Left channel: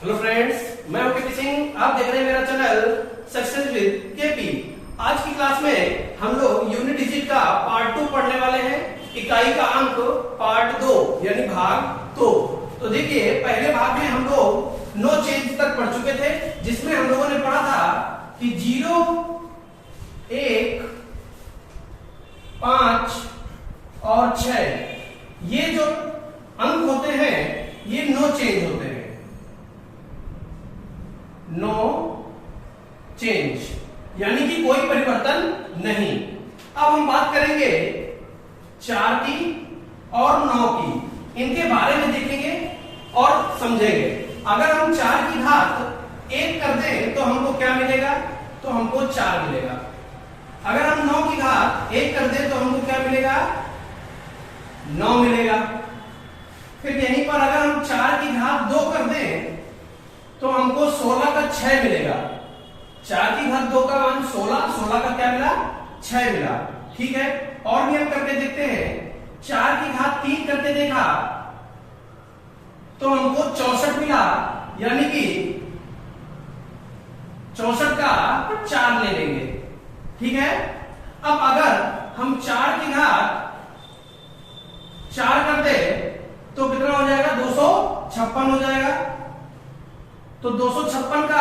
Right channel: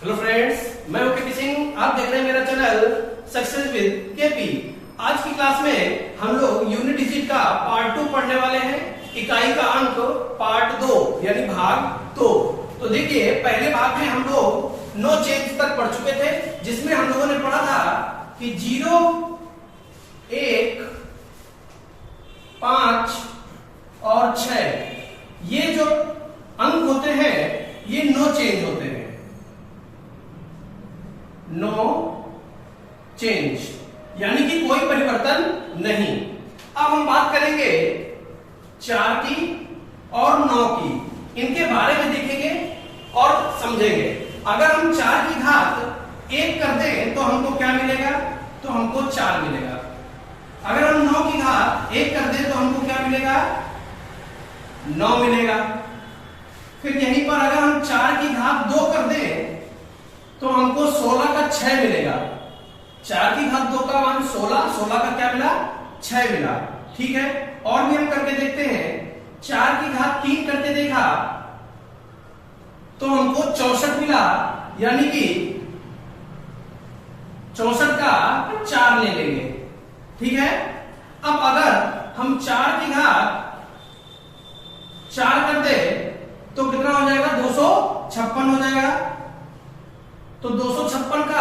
Hello friends, मैं हूं KP Singh. आप देख रहे हैं मेरा चैनल सक्सेस विद केपी। आज की क्लास में हम लोग यूनिट डिजिट का पार्ट 2 पढ़ने वाले हैं। इकाई का अंक पार्ट 2 यानी भाग 2। तो देखिए, पहले भाग में हम लोग नो चेंज तक पढ़ चुके थे, जिसमें हम लोगों ने पढ़ा था कि 0, 1, 5 और 6 ये जो अंक होते हैं ये नो चेंज होते हैं। नो चेंज यानी कि कोई परिवर्तन नहीं। अब हम बात करेंगे 4 की और 9 की। इनके बारे में देखेंगे और समझेंगे। अगर हम 4 की घात 1 कर दें तो हमको क्या मिलेगा? तो हमको 4 मिलेगा। अगर हम 9 की घात 1 कर दें तो हमको क्या मिलेगा? 9 मिलेगा। फिर यहीं पर अगर हम 4 की घात 2 कर दें तो हमको 16 का 6 मिलेगा। 4 की घात 2 का मान 16, 16 का क्या मिला? 6 मिला। ठीक है, और भी हम करके देखते हैं। 4 की घात 3 करके देखा तो हमको 64 मिला, यानी कि 64 का 4 ले लेंगे। ठीक है, अब अगर हम 4 की घात 4 कर दे तो कितना हो जाएगा? 256 हो जाएगा। तो 256 का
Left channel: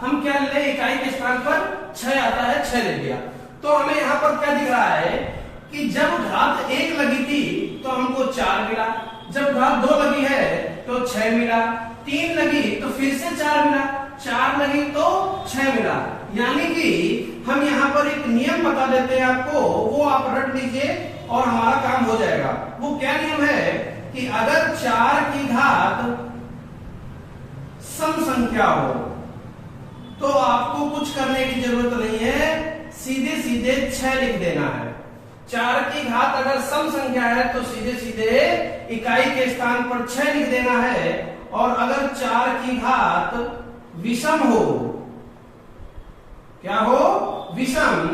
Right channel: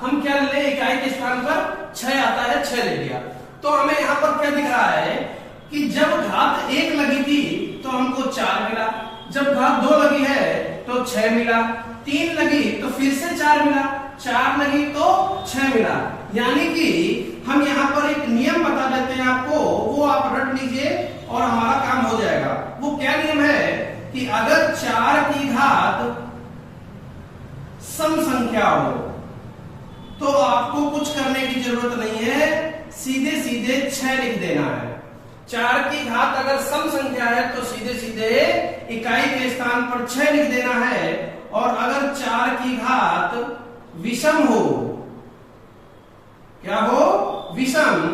हम क्या ले लें? इकाई के स्थान पर 6 आता है, 6 ले लिया। तो हमें यहां पर क्या दिख रहा है कि जब घात 1 लगी थी तो हमको 4 मिला, जब घात 2 लगी है तो 6 मिला, 3 लगी तो फिर से 4 मिला, 4 लगी तो 6 मिला। यानी कि हम यहां पर एक नियम बता देते हैं आपको, वो आप रट लीजिए और हमारा काम हो जाएगा। वो क्या नियम है कि अगर 4 की घात सम संख्या हो तो आपको कुछ करने की जरूरत नहीं है, सीधे सीधे 6 लिख देना है। 4 की घात अगर सम संख्या है तो सीधे सीधे इकाई के स्थान पर 6 लिख देना है। और अगर 4 की घात विषम हो, क्या हो? विषम,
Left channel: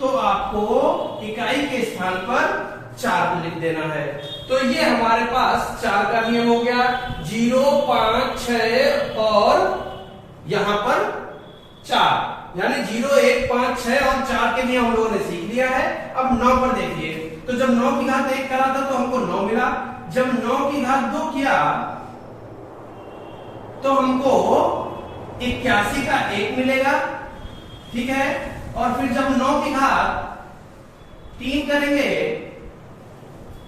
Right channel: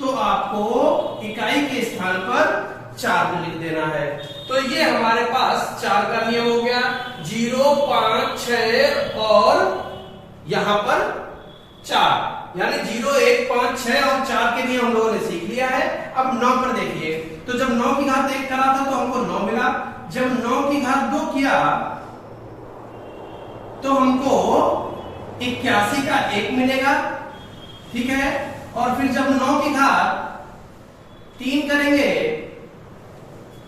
तो आपको इकाई के स्थान पर 4 लिख देना है। तो ये हमारे पास 4 का नियम हो गया। 0, 5, 6 और यहां पर 4, यानी 0, 1, 5, 6 और 4 के नियम हम लोगों ने सीख लिया है। अब 9 पर देखिए, तो जब 9 की घात 1 करा था तो हमको 9 मिला, जब 9 की घात 2 किया तो हमको 81 का 1 मिलेगा। ठीक है, और फिर जब 9 की घात 3 करेंगे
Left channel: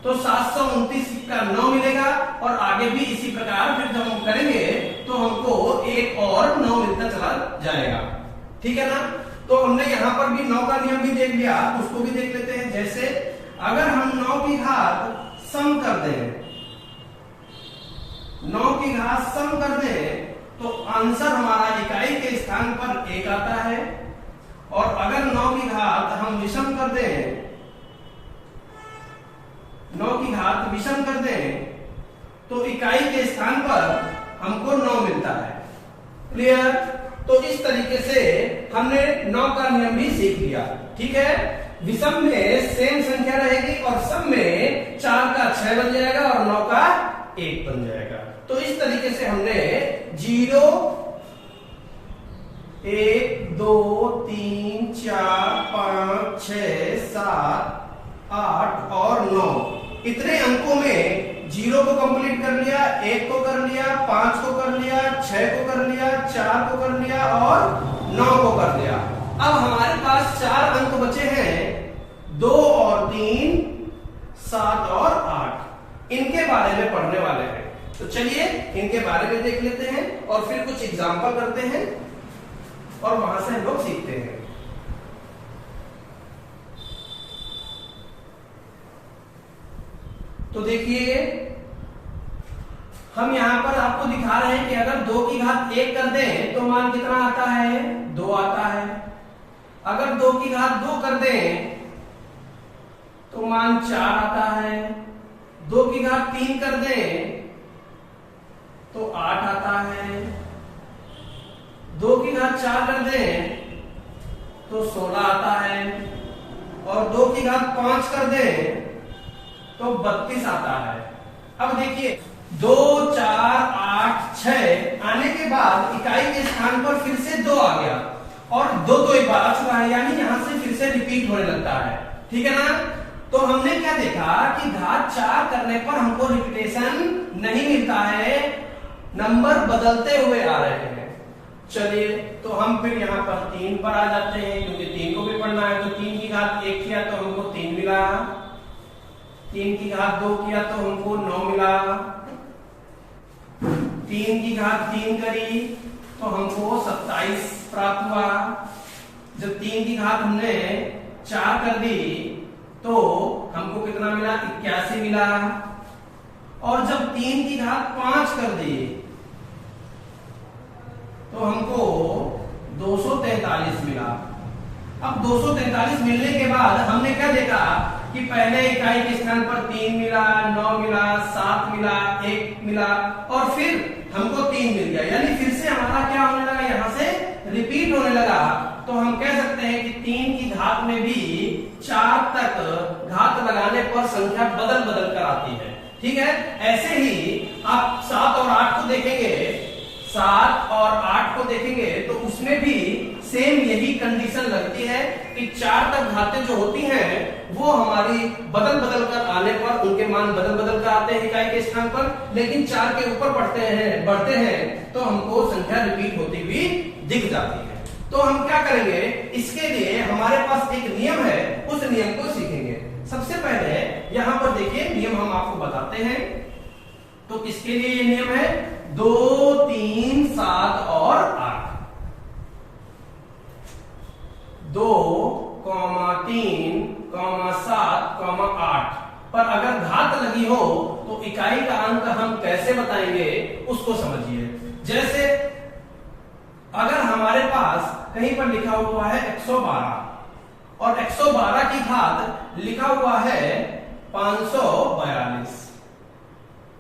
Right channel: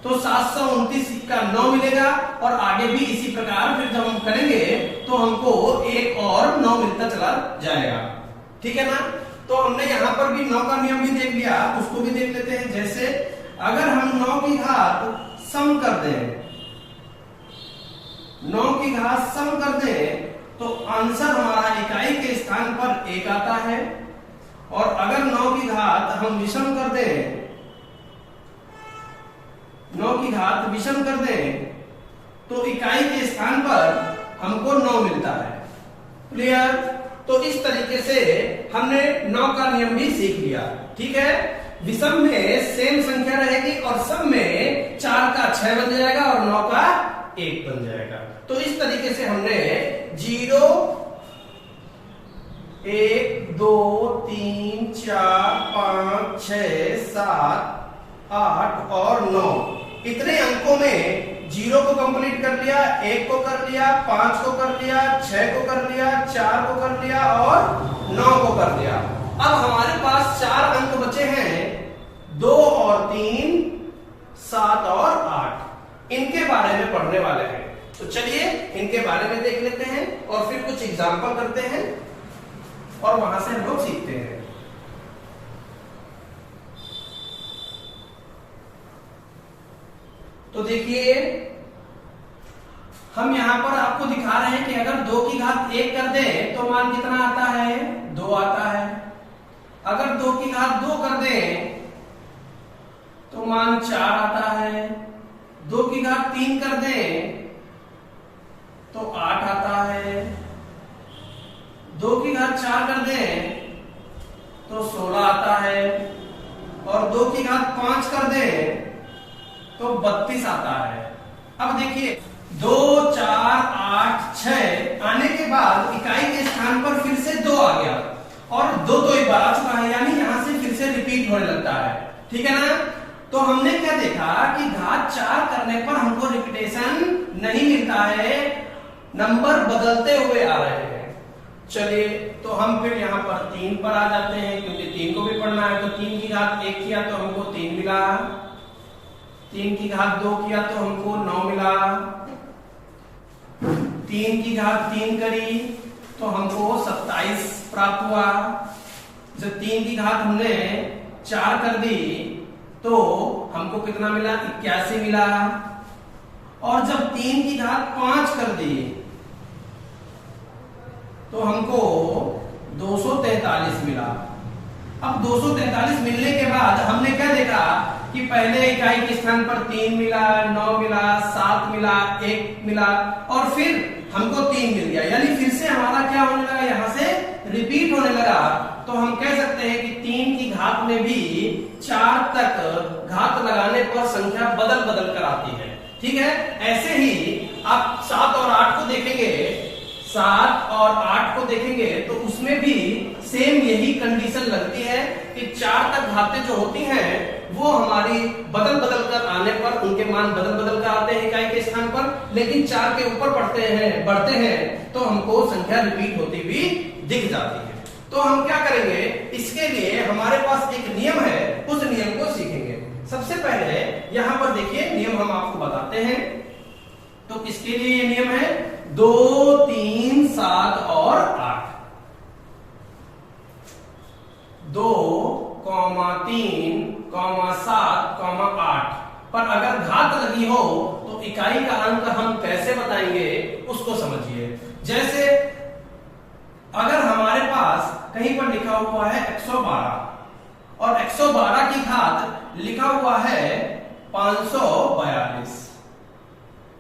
तो 729 का 9 मिलेगा, और आगे भी इसी प्रकार फिर जब हम करेंगे तो हमको 1 और 9 मिलता चला जाएगा। ठीक है ना? तो हमने यहां पर भी 9 का नियम भी देख लिया, उसको भी देख लेते हैं। जैसे अगर हम 9 की घात सम कर दें, 9 की घात सम कर दें तो आंसर हमारा इकाई के स्थान पर 1 आता है। और अगर 9 की घात हम विषम कर दें, 9 की घात विषम कर दें तो इकाई के स्थान पर हमको 9 मिलता है। क्लियर? तो इस तरीके से हमने 9 का नियम भी सीख लिया। ठीक है, विषम में सेम संख्या रहेगी और सम में 4 का 6 बन जाएगा और 9 का 1 बन जाएगा। तो इस तरीके से हमने 0, 1, 2, 3, 4, 5, 6, 7, 8 और 9 इतने अंकों में 0 को कंप्लीट कर लिया, 1 को कर लिया, 5 को कर लिया, 6 को कर लिया, 4 को कर लिया और 9 को कर लिया। अब हमारे पास 4 अंक बचे हैं, 2 और 3, 7 और 8। इनके बारे में पढ़ने वाले हैं। तो चलिए इनके बारे में देख लेते हैं और फिर कुछ एग्जाम्पल करते हैं और वहां से हम लोग सीखते हैं। तो देखिए, हम यहां पर आपको दिखा रहे हैं कि अगर 2 की घात 1 कर दें तो मान कितना आता है? 2 आता है। अगर 2 की घात 2 कर दें तो मान 4 आता है। 2 की घात 3 कर दें तो 8 आता है। 2 की घात 4 कर दें तो 16 आता है। और 2 की घात 5 कर दें तो 32 आता है। अब देखिए, 2, 4, 8, 6 आने के बाद बाद इकाई के स्थान पर फिर से 2 आ गया और 2 तो एक बार आ चुका है, यानी यहां से फिर से रिपीट होने लगता है। ठीक है ना? तो हमने क्या देखा कि घात 4 करने पर हमको रिपीटेशन नहीं मिलता है, नंबर बदलते हुए आ रहे हैं। चलिए, तो हम फिर यहाँ पर 3 पर आ जाते हैं, क्योंकि 3 को भी पढ़ना है। तो 3 की घात 1 किया तो हमको 3 मिला, 3 की घात 2 किया तो हमको 9 मिला, 3 की घात 3 करी तो हमको 27 प्राप्त हुआ। जब 3 की घात हमने 4 कर दी तो हमको कितना मिला? 81 मिला। और जब 3 की घात 5 कर दी तो हमको 243 मिला। अब 243 मिलने के बाद हमने क्या देखा कि पहले इकाई के स्थान पर 3 मिला, 9 मिला, 7 मिला, 1 मिला और फिर हमको 3 मिल गया, यानी फिर से हमारा क्या होने लगा? यहां से रिपीट होने लगा। तो हम कह सकते हैं कि 3 की घात में भी 4 तक घात लगाने पर संख्या बदल बदल कर आती है। ठीक है? ऐसे ही आप 7 और 8 को देखेंगे, 7 और 8 को देखेंगे तो उसमें भी सेम यही कंडीशन लगती है कि 4 तक घातें जो होती हैं वो हमारी बदल बदल कर आने पर उनके मान बदल बदल कर आते हैं इकाई के स्थान पर, लेकिन 4 के ऊपर बढ़ते हैं तो हमको संख्या रिपीट होती हुई दिख जाती है। तो हम क्या करेंगे? इसके लिए हमारे पास एक नियम है, उस नियम को सीखेंगे। सबसे पहले यहां पर देखिए, नियम हम आपको बताते हैं। तो किसके लिए ये नियम है? 2, 3, 7 और 8। 2, 3, 7, 8 पर अगर घात लगी हो तो इकाई का अंक हम कैसे बताएंगे उसको समझिए। जैसे अगर हमारे पास कहीं पर लिखा हुआ है 112 और 112 की घात लिखा हुआ है 542।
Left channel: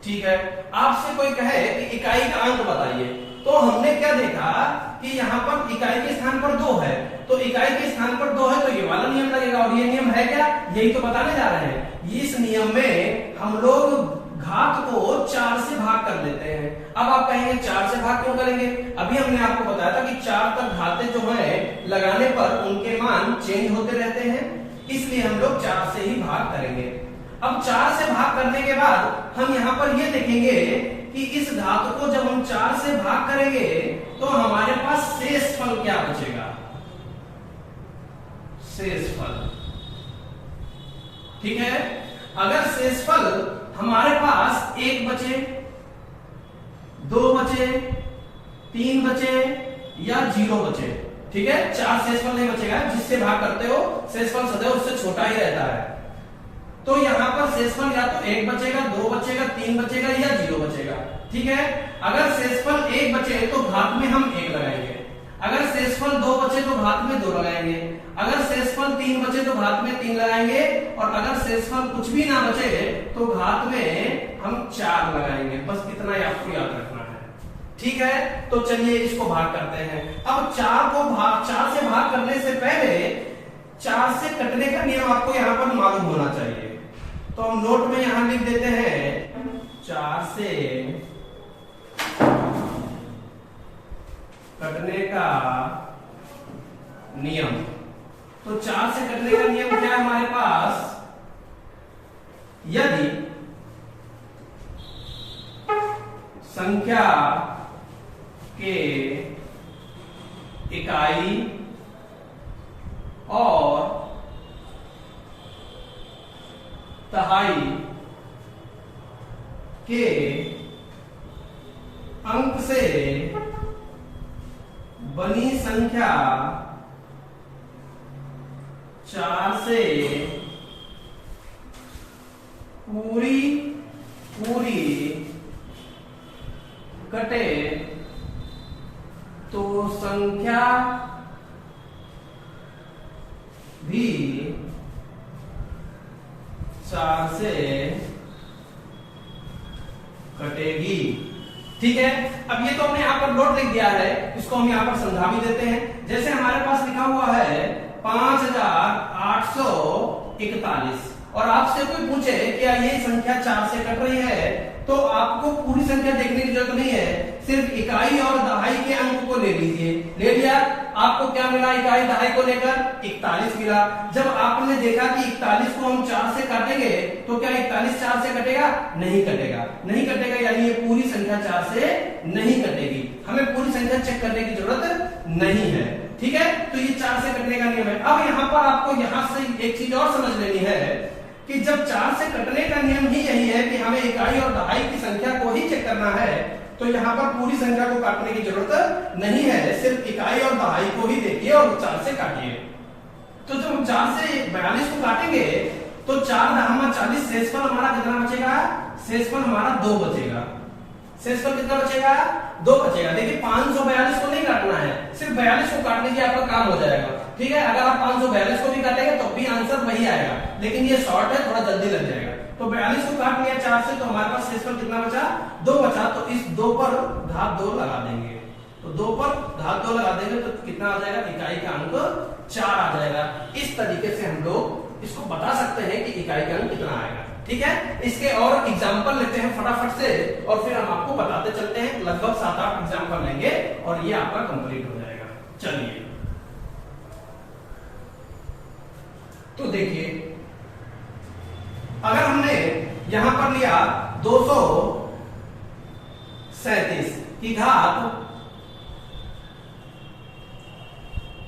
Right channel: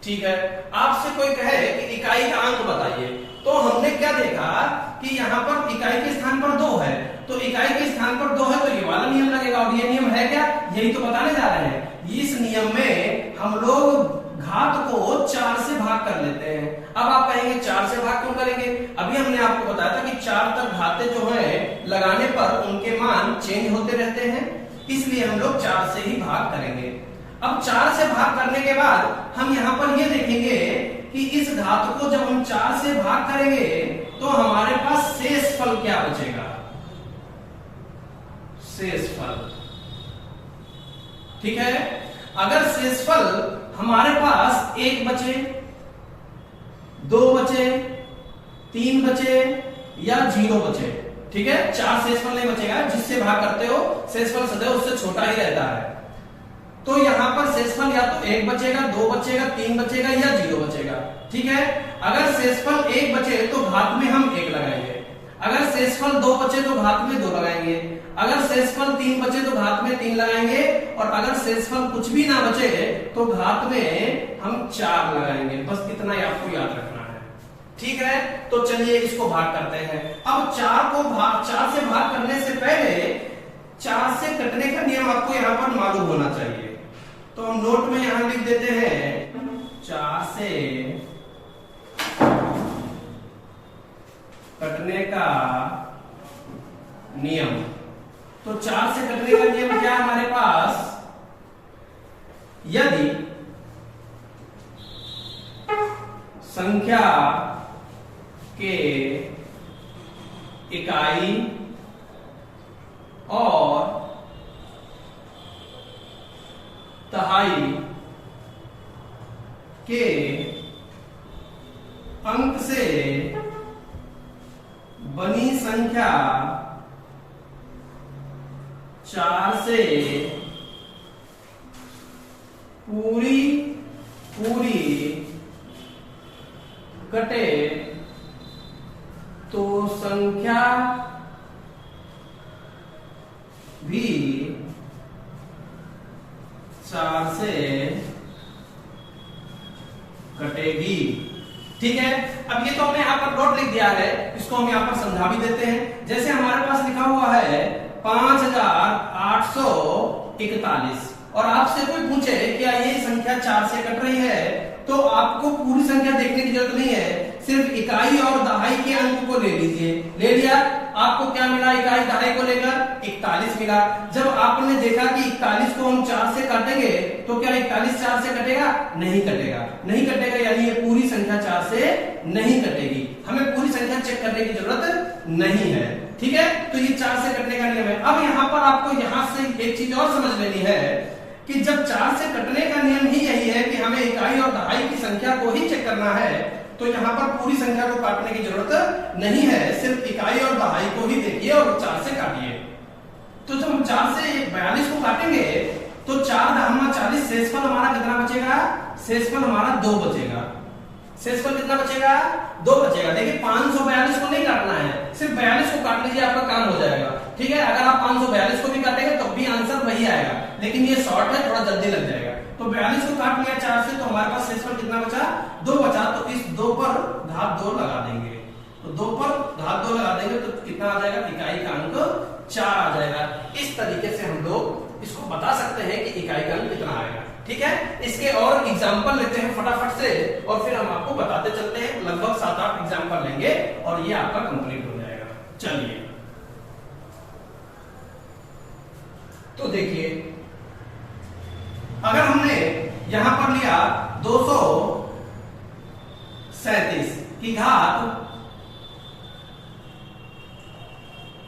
ठीक है? आपसे कोई कहे कि इकाई का अंक बताइए, तो हमने क्या देखा कि यहाँ पर इकाई के स्थान पर 2 है, तो इकाई के स्थान पर 2 है तो ये वाला नियम लगेगा। और ये नियम है क्या? यही तो बताने जा रहे हैं। इस नियम में हम लोग घात को 4 से भाग कर लेते हैं। अब आप कहेंगे 4 से भाग क्यों करेंगे? अभी हमने आपको बताया था कि 4 तक घातें जो है लगाने पर उनके मान चेंज होते रहते हैं, इसलिए हम लोग 4 से ही भाग करेंगे। अब 4 से भाग करने के बाद हम यहाँ पर ये देखेंगे कि इस घात को जब हम 4 से भाग करेंगे तो हमारे पास शेष फल क्या बचेगा? शेष फल। ठीक है? अगर शेष फल हमारे पास 1 बचे, 2 बचे, 3 बचे या 0 बचे, ठीक है? 4 शेषफल नहीं बचेगा, जिससे भाग करते हो शेषफल सदैव उससे छोटा ही रहता है। तो यहां पर शेषफल या तो 1 बचेगा, 2 बचेगा, 3 बचेगा या 0 बचेगा। ठीक है? अगर शेषफल 1 बचे तो घात में हम 1 लगाएंगे, अगर शेषफल 2 बचे तो घात में 2 लगाएंगे, अगर शेषफल 3 बचे तो घात में 3 लगाएंगे, और अगर शेषफल कुछ भी ना बचे तो घात में हम 4 लगाएंगे। बस इतना ही आपको याद रखना है। ठीक है? तो चलिए इसको भाग करते हैं। अब 4 से भाग करने से पहले 4 से कटने का नियम आपको यहाँ पर मालूम होना चाहिए। तो हम नोट में यहां लिख देते हैं 4 से कटने का नियम। तो 4 से कटने का नियम क्या है हमारे पास? यदि संख्या के इकाई और तिहाई के अंक से बनी संख्या 4 से पूरी कटे तो संख्या भी 4 से कटेगी। ठीक है? अब ये तो हमने यहाँ पर नोट लिख दिया है, इसको हम यहाँ पर समझा भी देते हैं। जैसे हमारे पास लिखा हुआ है 5841 और आपसे कोई पूछे क्या ये संख्या 4 से कट रही है, तो आपको पूरी संख्या देखने की जरूरत नहीं है, सिर्फ इकाई और दहाई के अंक को ले लीजिए। ले लिया, आपको क्या मिला? इकाई दहाई को लेकर 41 मिला। जब आपने देखा कि 41 को हम 4 से काटेंगे तो क्या 41 4 से कटेगा? नहीं कटेगा, नहीं कटेगा, यानी ये पूरी संख्या 4 से नहीं कटेगी। हमें पूरी संख्या चेक करने की जरूरत नहीं है, ठीक है। तो ये 4 से कटने का नियम है। अब यहाँ पर आपको यहाँ से एक चीज और समझ लेनी है कि जब 4 से कटने का नियम ही यही है कि हमें इकाई और दहाई की संख्या को ही चेक करना है, तो यहाँ पर पूरी संख्या को काटने की जरूरत नहीं है, सिर्फ इकाई और दहाई को ही देखिए और 4 से काटिए। तो जब हम 4 से 42 को काटेंगे तो 4 दामा 40, शेषफल हमारा कितना बचेगा? शेषफल हमारा 2 बचेगा। शेषफल कितना बचेगा? 2 बचेगा। देखिए 542 को नहीं काटना है, सिर्फ 42 को काट लीजिए, आपका काम हो जाएगा, ठीक है। अगर आप 542 को भी काटेंगे तो भी आंसर वही आएगा, लेकिन ये शॉर्ट है, थोड़ा जल्दी लग जाएगा। तो 42 को काट लिया 4 से, तो हमारे पास शेषफल कितना बचा? 2 बचा। तो इस 2 पर घात 2 लगा देंगे, तो 2 पर घात 2 लगा देंगे तो कितना आ जाएगा? इकाई का अंक 4 आ जाएगा। इस तरीके से हम लोग इसको बता सकते हैं कि इकाई का अंक कितना आएगा, ठीक है। इसके और एग्जाम्पल लेते हैं फटाफट से और फिर हम आपको बताते चलते हैं। लगभग 7-8 एग्जाम्पल लेंगे और ये आपका कंप्लीट हो जाएगा। चलिए, तो देखिए, अगर हमने यहां पर लिया 237 की घात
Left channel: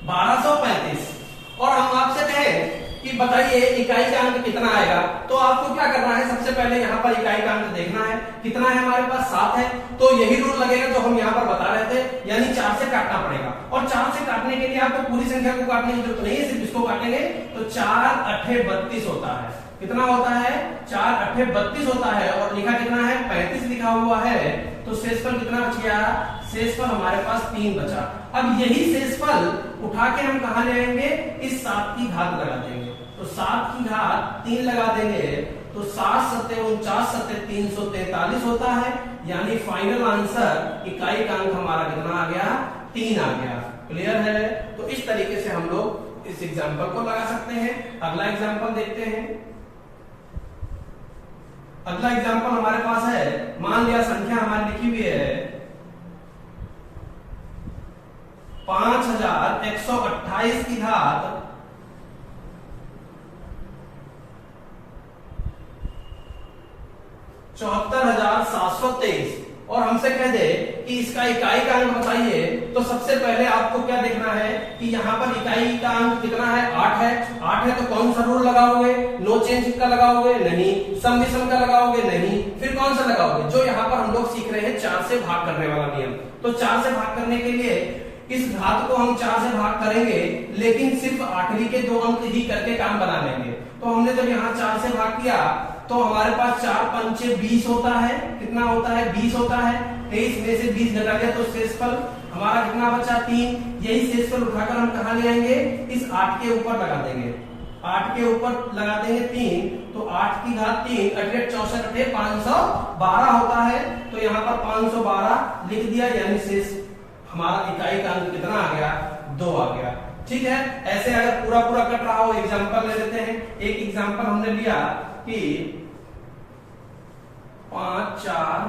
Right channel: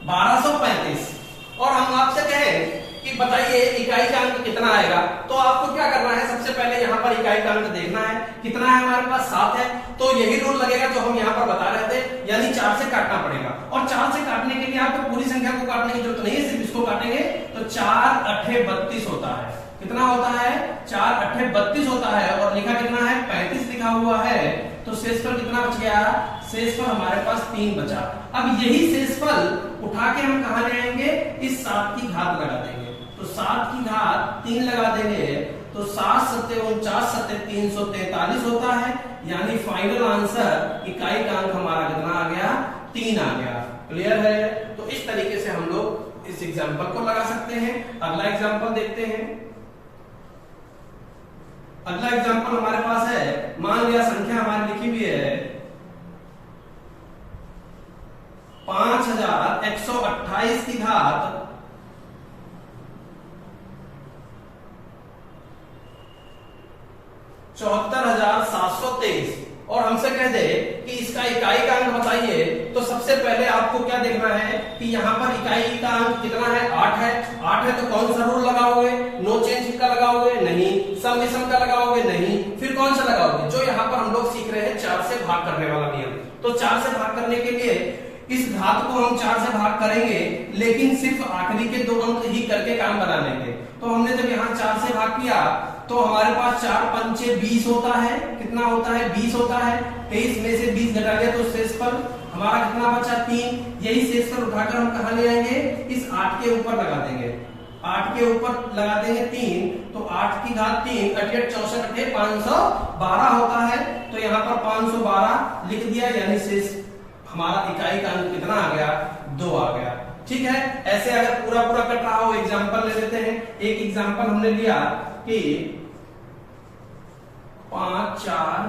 1235 और हम आपसे कहें कि बताइए इकाई का अंक कितना आएगा, तो आपको क्या करना है? सबसे पहले यहाँ पर इकाई का अंक देखना है, कितना है हमारे पास? 7 है। तो यही रूल लगेगा जो हम यहाँ पर बता रहे थे, यानी 4 से काटना पड़ेगा। और 4 से काटने के लिए आपको पूरी संख्या को काटने की जरूरत नहीं है, सिर्फ इसको काटेंगे तो 4 8 32 होता है। कितना होता है? 4 8 32 होता है। और लिखा कितना है? 35 लिखा हुआ है। तो शेषफल कितना बच गया? शेषफल हमारे पास 3 बचा। अब यही शेषफल उठा के हम कहा ले आएंगे? इस 7 की घात लगा देंगे, तो 7 की घात 3 लगा देंगे तो 7 7 49 7 343 होता है। यानी फाइनल आंसर इकाई का अंक हमारा कितना आ गया? 3 आ गया। क्लियर है? तो इस तरीके से हम लोग इस एग्जाम्पल को लगा सकते हैं। अगला एग्जाम्पल देखते हैं। अगला एग्जाम्पल हमारे पास है, मान लिया संख्या हमारी लिखी हुई है 5128 की घात 74,723 और हमसे कह दे कि इसका इकाई का अंक बताइए। तो सबसे पहले आपको क्या देखना है कि यहाँ पर इकाई का अंक कितना है? 8 है। 8 है तो कौन सा रूल लगाओगे? नो चेंज का लगाओगे? नहीं। सम विषम का लगाओगे? नहीं। फिर कौन सा लगाओगे? जो यहाँ पर हम लोग सीख रहे हैं 4 से भाग करने वाला नियम। तो 4 से भाग करने के लिए इस घात को हम 4 से भाग करेंगे, लेकिन सिर्फ आखिरी के 2 अंक ही करके काम बना लेंगे। तो हमने जब यहाँ 4 से भाग किया तो हमारे पास 4 पंचे 20 होता है। कितना होता है? 20 होता है। 23 में से 20 घटा दिया तो शेषफल हमारा कितना बचा? 3। यही शेषफल उठाकर हम कहा ले आएंगे? इस 8 के ऊपर लगा देंगे। 8 के ऊपर लगा देंगे 3, तो 8 की घात 3 88 64 512 होता है। तो यहाँ पर 512 लिख दिया, यानी शेष हमारा इकाई का अंक कितना आ गया? 2 आ गया। ठीक है। ऐसे अगर पूरा पूरा कट रहा हो एग्जाम्पल ले लेते हैं। एक एग्जाम्पल हमने लिया कि 5 4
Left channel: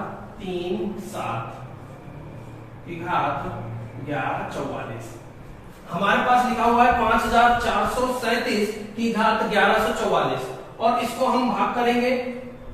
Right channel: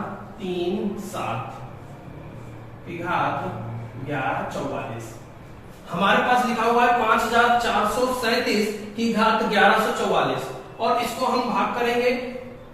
3 7 की घात 1144। हमारे पास लिखा हुआ है 5437 की घात 1144 और इसको हम भाग करेंगे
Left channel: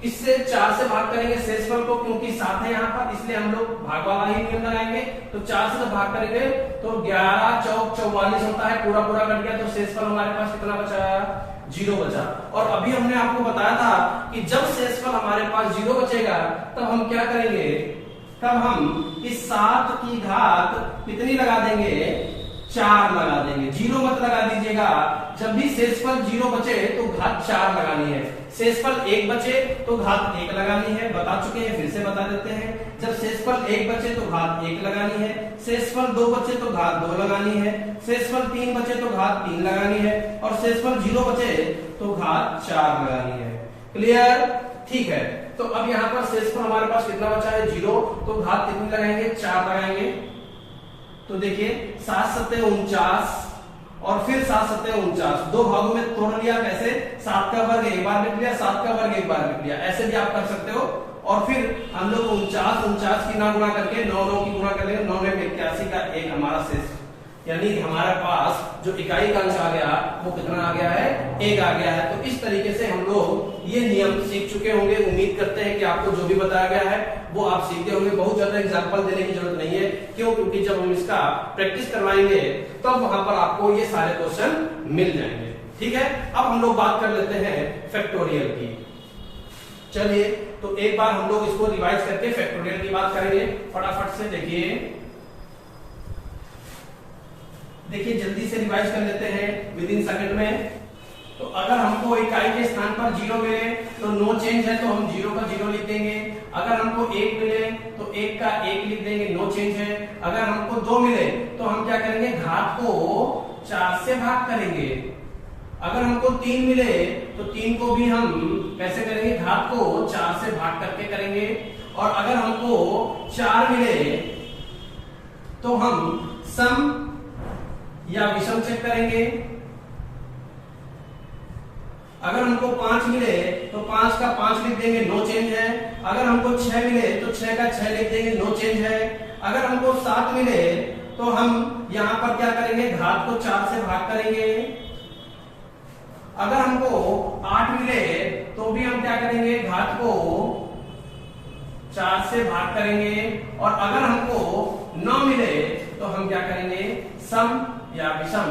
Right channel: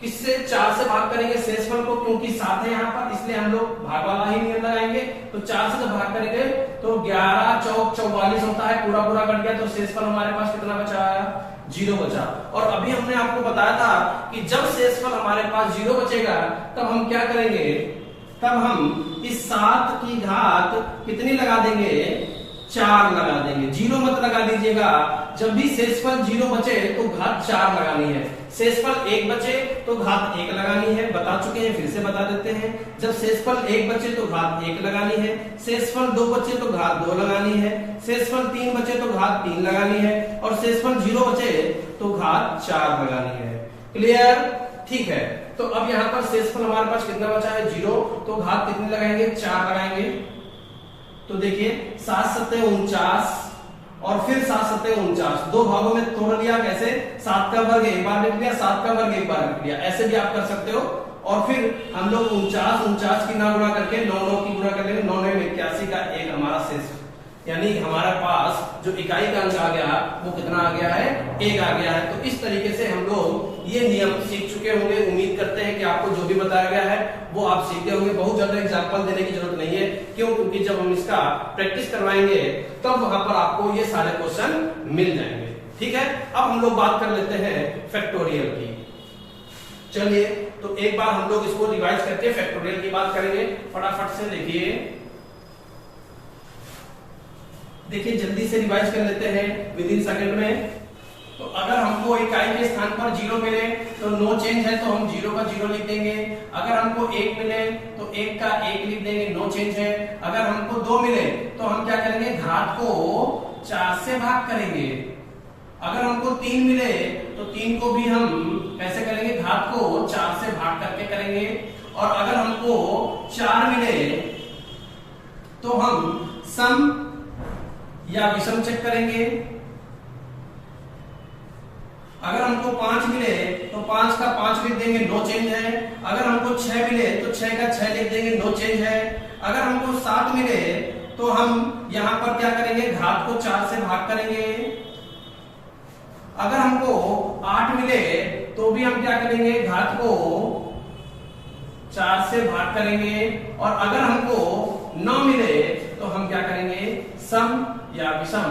किससे? 4 से भाग करेंगे शेषफल को, क्योंकि 7 है यहाँ पर, इसलिए हम लोग भाग वाला ही नियम लगाएंगे। तो 4 से तो भाग करेंगे तो 11 चौक 44 होता है। पूरा पूरा कट गया तो शेषफल हमारे पास कितना बचा? 0 बचा। और अभी हमने आपको बताया था कि जब शेषफल हमारे पास 0 बचेगा तब हम क्या करेंगे? तब हम इस 7 की घात कितनी लगा देंगे? 4 लगा देंगे। 0 मत लगा दीजिएगा। जब भी शेषफल 0 बचे तो घात 4 लगानी है। शेषफल 1 बचे तो घात 1 लगानी है। बता चुके हैं, फिर से बता देते हैं। जब शेषफल 1 बचे तो घात 1 लगानी है। शेषफल 2 बचे तो घात 2 लगानी है। शेषफल 3 बचे तो घात 3 लगानी है। और शेषफल 0 बचे तो घात 4 लगानी है। क्लियर? ठीक है। तो अब यहाँ पर शेषफल हमारे पास कितना बचा है? 0। तो घात कितनी लगाएंगे? 4 लगाएंगे। तो देखिए 7 7 49 और फिर 7 7 49 दो भागों में तोड़ लिया। कैसे? 7 का वर्ग एक बार लिख लिया, 7 का वर्ग एक बार लिख लिया। ऐसे भी आप कर सकते हो। और फिर हम लोग 49 की ना गुणा करके 9 की गुणा कर लेंगे, 9 में 81 का एक हमारा शेष, यानी कि हमारे पास जो इकाई का अंक आ गया वो कितना आ गया है, 1 आ गया है। तो इस तरीके से हम लोग ये नियम सीख चुके होंगे। उम्मीद करते हैं कि आपको जो भी बताया गया है वो आप सीखते होंगे। बहुत ज्यादा एग्जाम्पल देने की जरूरत नहीं है, क्यों? क्योंकि जब हम इसका प्रैक्टिस करवाएंगे तो वहां पर आपको ये सारे क्वेश्चन मिल जाएंगे। ठीक है, अब हम लोग बात कर लेते हैं फैक्टोरियल की। चलिए, तो एक बार हम लोग इसको रिवाइज करके फैक्टोरियल की बात करेंगे। फटाफट से देखिए जल्दी से रिवाइज कर लेते हैं विद इन सेकंड में। तो अगर हमको इकाई के स्थान पर 0 मिले तो नो चेंज है, तो हम 0 का 0 लिख देंगे। अगर हमको 1 मिले तो 1 का 1 लिख देंगे, नो चेंज है। अगर हमको 2 मिले तो हम क्या करेंगे, घात को 4 से भाग करेंगे। अगर हमको 3 मिले तो 3 को भी हम कैसे करेंगे, घात को 4 से भाग करके करेंगे। और अगर हमको 4 मिले तो हम सम या विषम चेक करेंगे। अगर हमको 5 मिले तो 5 का 5 लिख देंगे, नो चेंज है। अगर हमको 6 मिले तो 6 का 6 लिख देंगे, नो चेंज है। अगर हमको 7 मिले तो हम यहां पर क्या करेंगे, घात को 4 से भाग करेंगे। अगर हमको 8 मिले तो भी हम क्या करेंगे, घात को 4 से भाग करेंगे। और अगर हमको 9 मिले तो हम क्या करेंगे, सम या विषम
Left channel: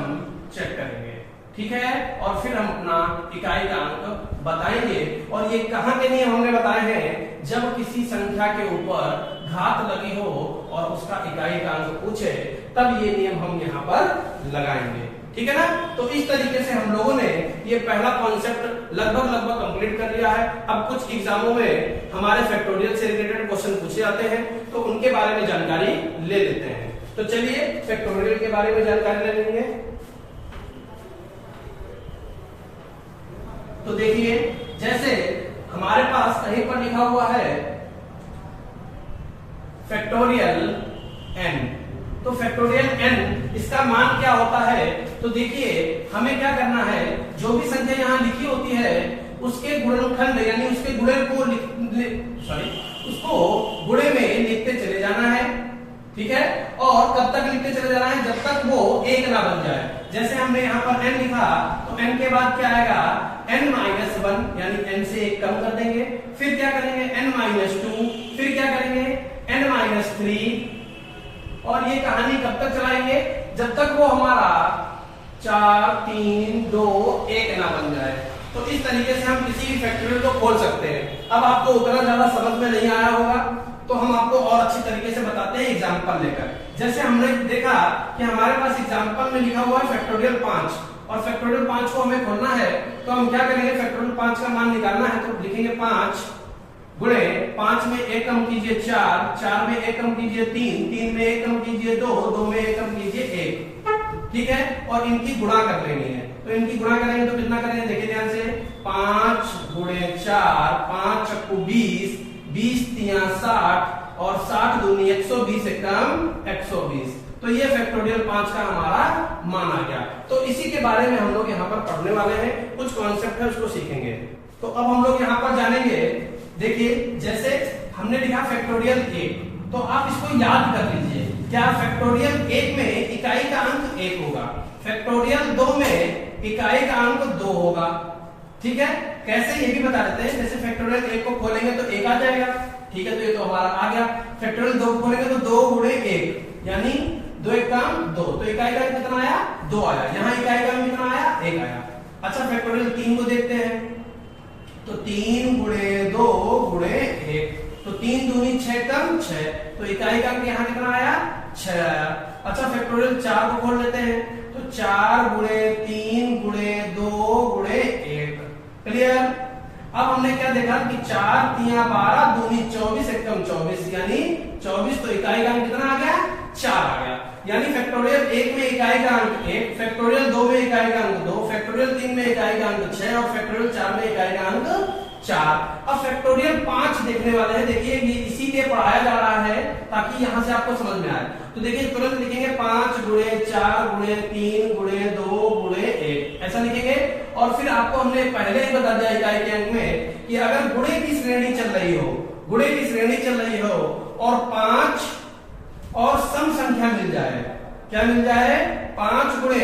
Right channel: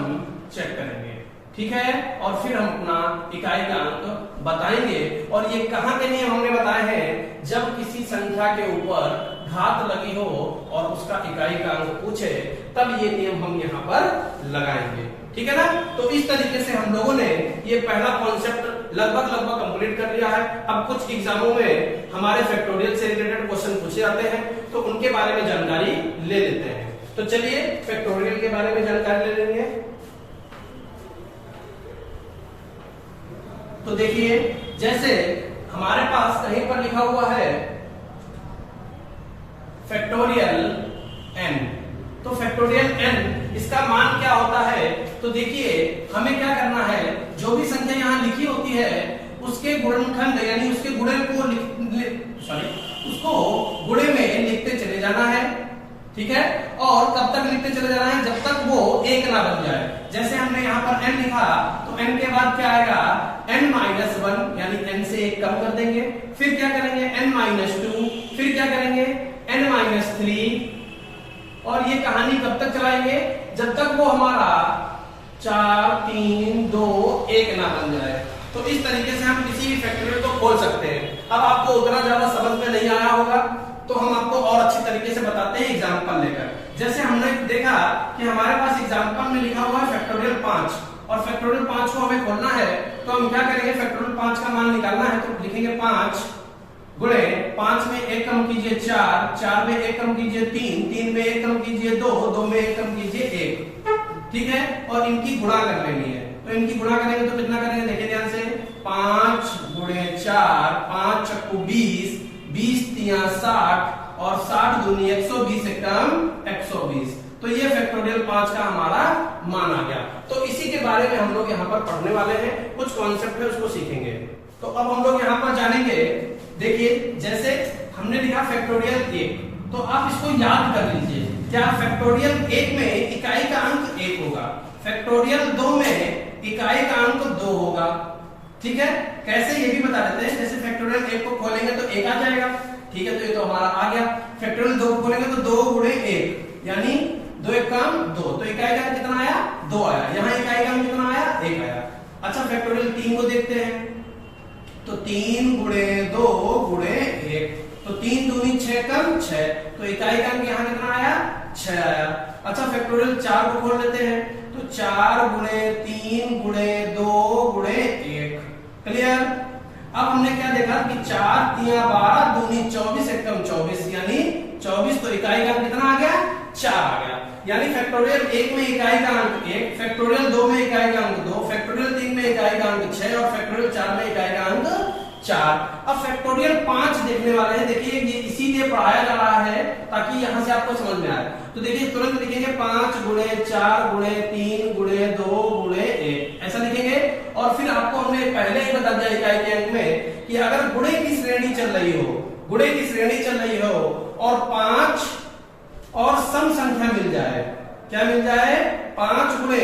चेक करेंगे। ठीक है, और फिर हम अपना इकाई का अंक बताएंगे। और ये कहां के नियम हमने बताए हैं, जब किसी संख्या के ऊपर घात लगी हो और उसका इकाई का अंक पूछे तब ये नियम हम यहाँ पर लगाएंगे। ठीक है ना। तो इस तरीके से हम लोगों ने ये पहला कॉन्सेप्ट लगभग कंप्लीट कर लिया है। अब कुछ एग्जामों में हमारे फैक्टोरियल से रिलेटेड क्वेश्चन पूछे जाते हैं, तो उनके बारे में जानकारी ले लेते हैं। तो चलिए फैक्टोरियल के बारे में जानकारी ले लेंगे। तो देखिए, जैसे हमारे पास कहीं पर लिखा हुआ है फैक्टोरियल n, तो फैक्टोरियल n इसका मान क्या होता है, तो देखिए हमें क्या करना है, जो भी संख्या यहाँ लिखी होती है उसके गुणनखंड यानी उसके गुणे को उसको गुणे में लिखते चले जाना है। ठीक है, और कब तक लिखते चले जाना है, जब तक वो 1 ना बन जाए। जैसे हमने यहाँ पर n लिखा तो n के बाद क्या आएगा, n-1 यानी n से 1 कम कर देंगे। फिर क्या करेंगे, n-2, फिर क्या करेंगे, n-3। और ये कहानी कब तक चलाएंगे, जब तक वो हमारा 4, 3, 2, 1 ना बन जाए। तो इस तरीके से हम किसी भी फैक्टोरियल को खोल सकते हैं। अब आपको उतना ज्यादा समझ में नहीं आया होगा तो हम आपको और अच्छी तरीके से बताते हैं एग्जाम्पल लेकर। जैसे हमने देखा कि हमारे पास एग्जाम्पल में लिखा हुआ है फैक्टोरियल 5, और फैक्टोरियल 5 को हमें खोलना है, तो हम क्या करेंगे, फैक्टोरियल 5 का मान निकालना है, तो लिखेंगे 5 गुणे 5 में 1 कम कीजिए 4, 4 में 1 कम कीजिए 3, 3 में 1 कम कीजिए 2, 2 में 1 कम कीजिए 1। ठीक है, और इनकी गुणा कर लेनी है। तो इनकी गुणा करेंगे तो कितना करेंगे, देखिए ध्यान से, 5 गुणे 4, 5 चक्कू 20, 20 तिया 60 और 60 दूनी 120 से कम 120। तो ये फैक्टोरियल 5 का हमारा मान आ गया। तो इसी के बारे में हम लोग यहाँ पर पढ़ने वाले हैं, कुछ कॉन्सेप्ट है उसको सीखेंगे। तो अब हम लोग यहाँ पर जानेंगे, देखिए जैसे हमने लिखा फैक्टोरियल 1, तो आप इसको याद कर लीजिए। क्या फैक्टोरियल 1 में इकाई का अंक 1 होगा, फैक्टोरियल 2 में इकाई का अंक 2 होगा। ठीक है, कैसे ये भी बता देते हैं। जैसे फैक्टोरियल 1 को खोलेंगे तो 1 आ जाएगा। ठीक है, तो ये तो हमारा आ गया। फैक्टोरियल 2 को खोलेंगे तो 2 गुणे 1 यानी 2 1 कम 2, तो इकाई का अंक कितना आया, 2 आया। यहाँ इकाई का अंक कितना आया, 1 आया। अच्छा फैक्टोरियल 3 को देखते हैं, तो 3 गुणे 2 गुणे 1, तो 3 दूनी 6 कम 6, तो इकाई का अंक यहाँ कितना आया, 6 आया। अच्छा फैक्टोरियल 4 को खोल लेते हैं, तो 4 गुणे 3 गुणे 2 गुणे 1। क्लियर। अब हमने क्या देखा कि 4 तिया 12 दूनी 24 एकम 24 यानी 24, तो इकाई का अंक कितना आ गया, 4 आ गया। यानी फैक्टोरियल 1 में इकाई का अंक 1, फैक्टोरियल 2 में इकाई का अंक 2, फैक्टोरियल 3 में इकाई का अंक 6 और फैक्टोरियल 4 में इकाई का अंक 4। अब फैक्टोरियल 5 देखने वाले हैं। देखिए ये इसीलिए पढ़ाया जा रहा है ताकि यहां से आपको समझ में आए। तो देखिए तुरंत लिखेंगे 5 गुणे 4 गुणे 3 गुणे 2 गुणे 1, ऐसा लिखेंगे। और फिर आपको हमने पहले ही बता दिया इकाई के अंक में कि अगर गुणे की श्रेणी चल रही हो गुणे की श्रेणी चल रही हो और 5 और सम संख्या मिल जाए, क्या मिल जाए, 5 गुणे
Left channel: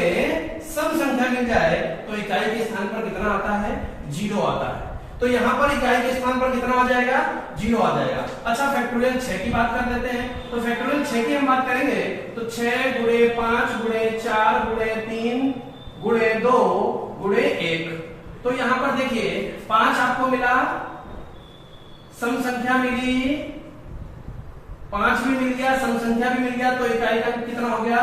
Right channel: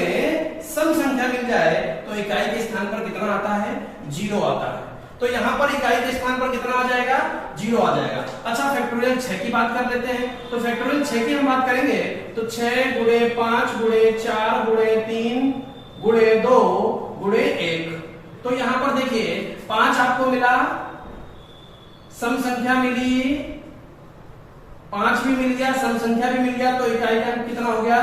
सम संख्या मिल जाए, तो इकाई के स्थान पर कितना आता है, 0 आता है। तो यहां पर इकाई के स्थान पर कितना आ जाएगा, 0 आ जाएगा। अच्छा फैक्टोरियल 6 की बात कर लेते हैं। तो फैक्टोरियल 6 की हम बात करेंगे तो 6 गुणे 5 गुणे 4 गुणे 3 गुणे 2 गुणे 1। तो यहां पर देखिए 5 आपको मिला, सम संख्या मिली, 5 भी मिल गया, सम संख्या भी मिल गया, तो इकाई का कितना हो गया,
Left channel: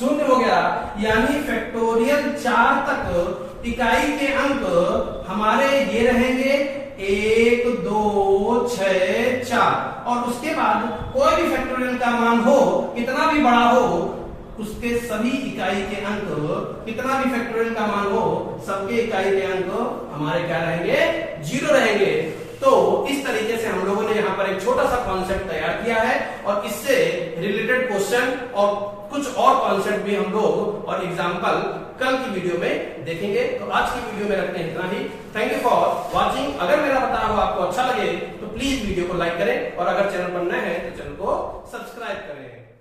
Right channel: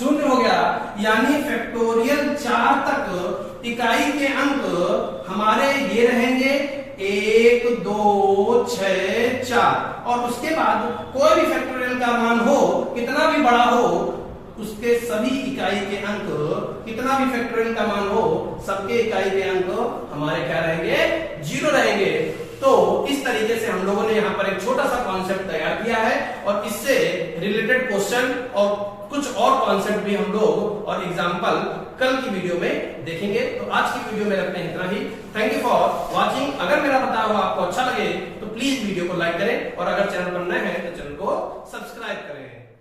0 हो गया। यानी फैक्टोरियल 4 तक इकाई के अंक हमारे ये रहेंगे 1 2 6 4, और उसके बाद कोई भी फैक्टोरियल का मान हो, कितना भी बड़ा हो, उसके सभी इकाई के अंक, कितना भी फैक्टोरियल का मान हो, सबके इकाई के अंक हमारे क्या रहेंगे, 0 रहेंगे। तो इस तरीके से हम लोगों ने यहाँ पर एक छोटा सा कॉन्सेप्ट तैयार किया है, और इससे रिलेटेड क्वेश्चन और कुछ और कॉन्सेप्ट भी हम लोग और एग्जाम्पल कल की वीडियो में देखेंगे। तो आज की वीडियो में रखते हैं इतना ही। Thank you for watching. अगर मेरा बताया हुआ आपको अच्छा लगे तो प्लीज वीडियो को लाइक करें, और अगर चैनल पर नए हैं तो चैनल को सब्सक्राइब करें।